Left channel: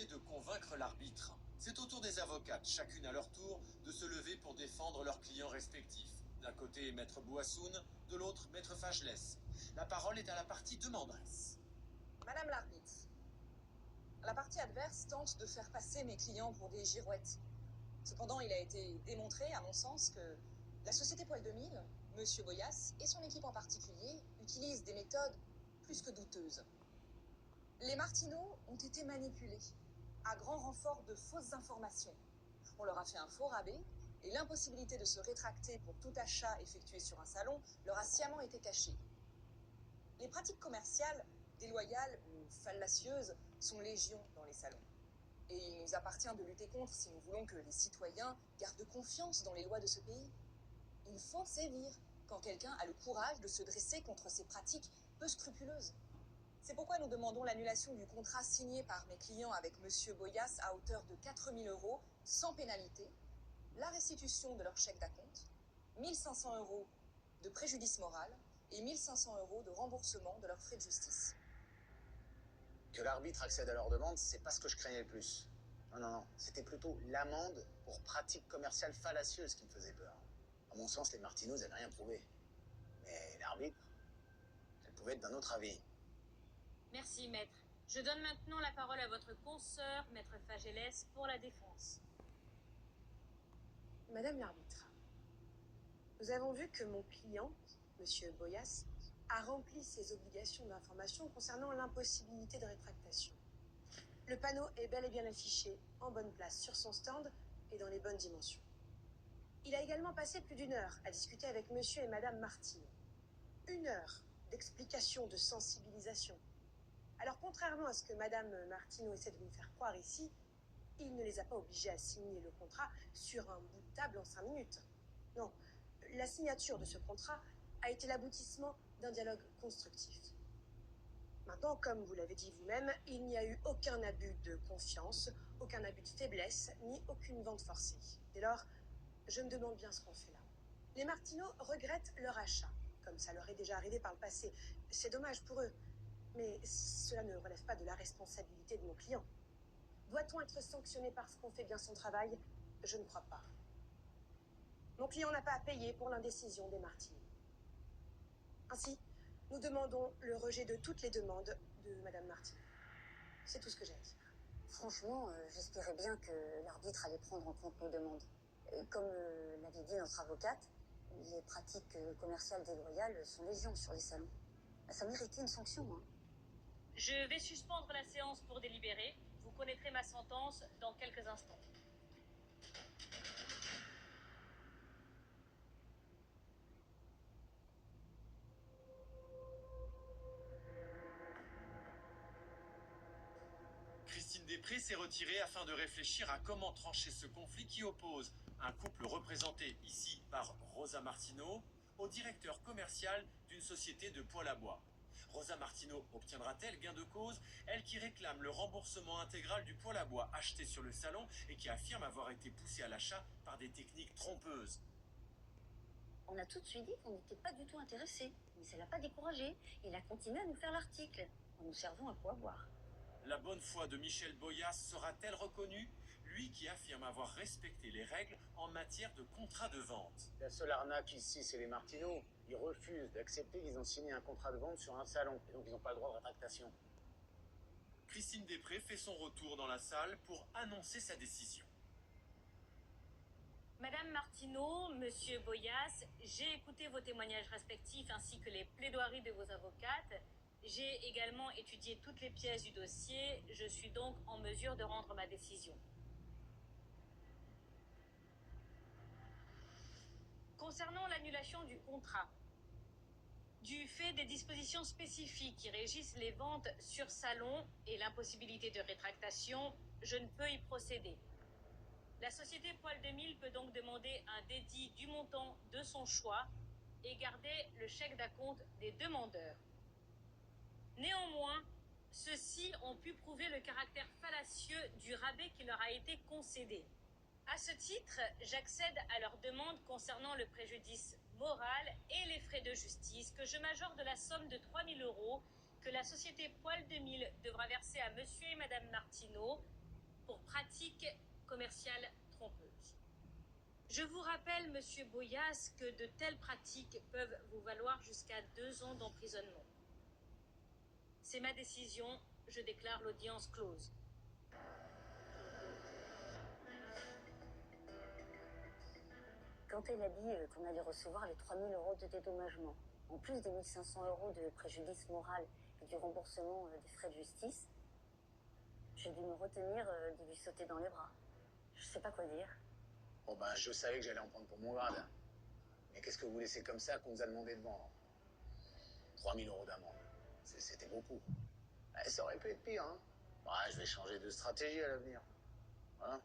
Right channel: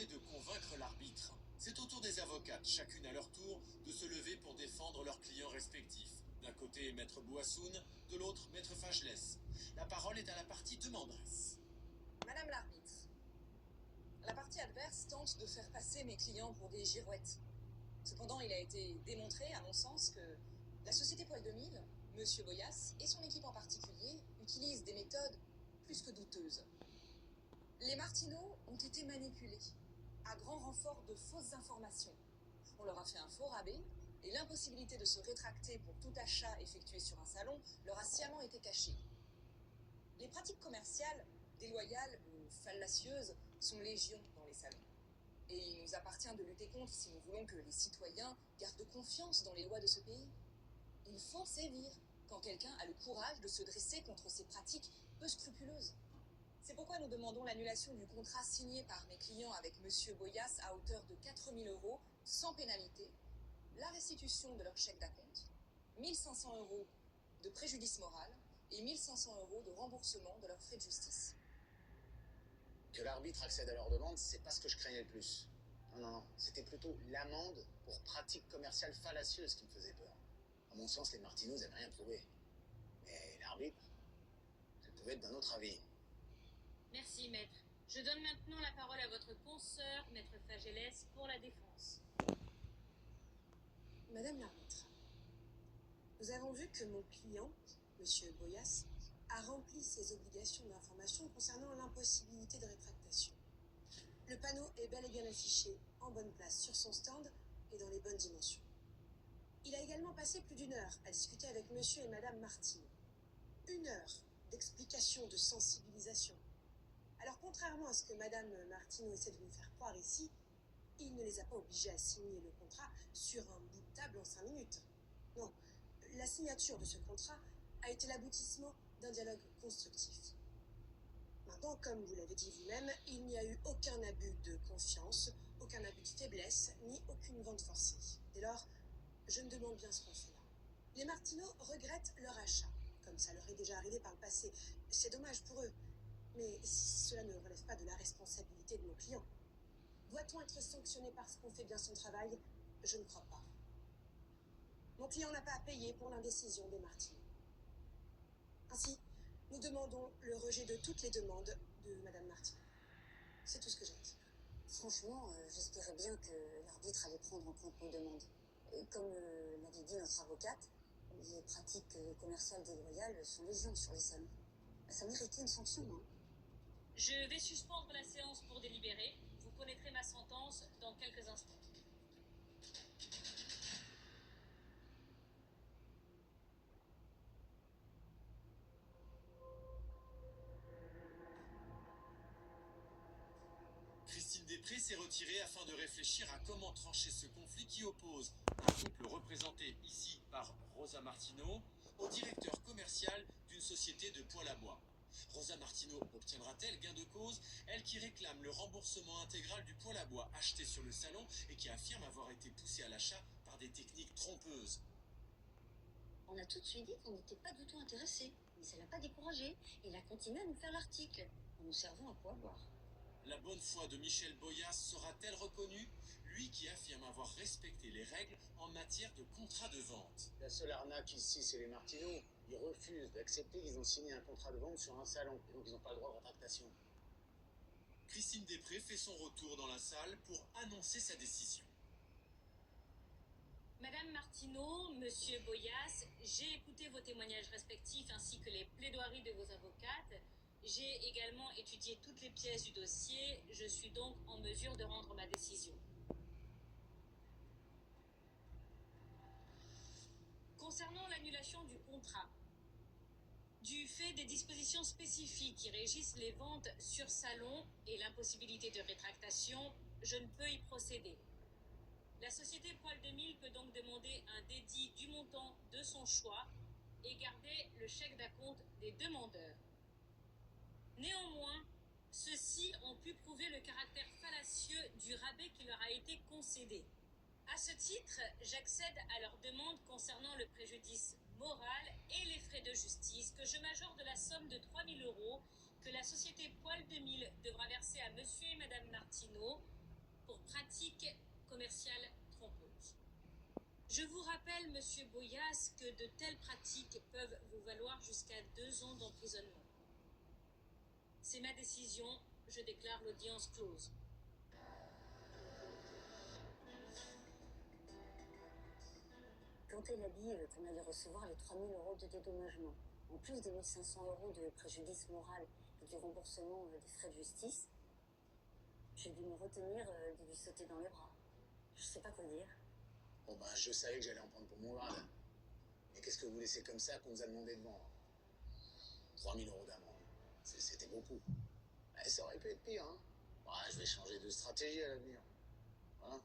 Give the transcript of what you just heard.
tenter de convaincre l'arbitre. C'est au tour des avocates, chacune à leur tour, de se lever pour défendre leurs clients respectifs. D'un côté, Maître Bouassoun, de l'autre, Maître Fagelès. La parole est à la partie demanderesse. Madame l'arbitre, la partie adverse tente de faire passer mes clients pour des girouettes. Cependant, il a été démontré, à mon sens, que la société Poil 2000, Monsieur Boyas et son équipe en particulier utilisent des méthodes plus que douteuses. Les Martineaux ont été manipulés, à grand renfort de fausses informations. On leur a fait un faux rabais et l'impossibilité de se rétracter pour tout achat effectué sur un salon leur a sciemment été cachée. Les pratiques commerciales, déloyales ou fallacieuses, sont légion dans les salons. Et il nous appartient de lutter contre si nous voulons que les citoyens gardent confiance dans les lois de ce pays. Il faut sévir quand quelqu'un a le courage de se dresser contre ces pratiques peu scrupuleuses. C'est pourquoi nous demandons l'annulation du contrat signé par mes clients avec M. Boyas à hauteur de 4 000 € sans pénalité, la restitution de leur chèque d'acompte, 1 500 € de préjudice moral et 1 500 € de remboursement de leurs frais de justice. Que l'arbitre accède à leur demande, c'est pas ce que je craignais le plus. Non, c'était plutôt l'amende pour pratique commerciale fallacieuse qui me faisait peur. À mon sens, les Martineaux n'avaient rien prouvé. Mais l'arbitre, elle pouvait être d'un autre avis. Merci, maître. Je donne maintenant la parole à votre consoeur, maître Fagelès, pour la défense. Madame l'arbitre, nous avons vu que mon client, Monsieur Boyas, a rempli ses obligations d'information concernant l'impossibilité de rétractation. Le panneau est bel et bien affiché en bonne place sur son stand et dans les bonnes dimensions. Il a également passé plus d'1 heure à discuter avec Monsieur et Madame Martineau. 1 heure d'explication, de sensibilisation. Alors, contrairement à ce que Madame Martineau essaie de nous faire croire ici, il ne les a pas obligés à signer le contrat sur un bout de table en 5 minutes. Non, la signature de ce contrat a été l'aboutissement d'un dialogue constructif. Maintenant, comme vous l'avez dit vous-même, il n'y a eu aucun abus de confiance, aucun abus de faiblesse, ni aucune vente forcée. Dès lors, je me demande bien ce qu'on fait là. Les Martineaux regrettent leur achat, comme ça leur est déjà arrivé par le passé. C'est dommage pour eux, mais cela ne relève pas de la responsabilité de mon client. Doit-on être sanctionné parce qu'on fait bien son travail? Je ne crois pas. Mon client n'a pas à payer pour l'indécision des Martineaux. Ainsi, nous demandons le rejet de toutes les demandes de Madame Martineau. C'est tout ce que j'ai à dire. Franchement, j'espérais bien que l'arbitre allait prendre en compte nos demandes. Comme l'avait dit notre avocate, les pratiques commerciales déloyales sont légion sur les salons. Ça méritait une sanction, hein. Je vais suspendre la séance pour délibérer. Vous connaîtrez ma sentence dans quelques instants. Christine Després s'est retirée afin de réfléchir à comment trancher ce conflit qui oppose un couple représenté ici par Rosa Martineau au directeur commercial d'une société de poêle à bois. Rosa Martineau obtiendra-t-elle gain de cause, elle qui réclame le remboursement intégral du poêle à bois acheté sur le salon et qui affirme avoir été poussée à l'achat par des techniques trompeuses? On a tout de suite dit qu'on n'était pas du tout intéressés, mais ça l'a pas découragé. Il a continué à nous faire l'article, en nous servant à quoi boire. La bonne foi de Michel Boyas sera-t-elle reconnue, lui qui affirme avoir respecté les règles en matière de contrat de vente? La seule arnaque ici, c'est les Martineaux. Ils refusent d'accepter qu'ils ont signé un contrat de vente sur un salon, et donc ils n'ont pas le droit de rétractation. Christine Després fait son retour dans la salle pour annoncer sa décision. Madame Martineau, Monsieur Boyas, j'ai écouté vos témoignages respectifs ainsi que les plaidoiries de vos avocates. J'ai également étudié toutes les pièces du dossier. Je suis donc en mesure de rendre ma décision. Concernant l'annulation du contrat, du fait des dispositions spécifiques qui régissent les ventes sur salon et l'impossibilité de rétractation, je ne peux y procéder. La société Poil 2000 peut donc demander un dédit du montant de son choix et garder le chèque d'acompte des demandeurs. Néanmoins, ceux-ci ont pu prouver le caractère fallacieux du rabais qui leur a été concédé. À ce titre, j'accède à leur demande concernant le préjudice moral et les frais de justice que je majore de la somme de 3 000 € que la société Poil 2000 devra verser à Monsieur et Madame Martineau pour pratique commerciale trompeuse. Je vous rappelle, monsieur Boyas, que de telles pratiques peuvent vous valoir jusqu'à 2 ans d'emprisonnement. C'est ma décision, je déclare l'audience close. Quand elle a dit qu'on allait recevoir les 3 000 € de dédommagement, en plus des 1 500 € de préjudice moral et du remboursement des frais de justice, j'ai dû me retenir de lui sauter dans les bras. Je sais pas quoi dire. Bon ben, je savais que j'allais en prendre pour mon grade. Mais qu'est-ce que vous laissez comme ça qu'on nous a demandé de vendre? 3 000 € d'amende. C'était beaucoup. Ça aurait pu être pire, hein. Ouais, je vais changer de stratégie à l'avenir. Voilà.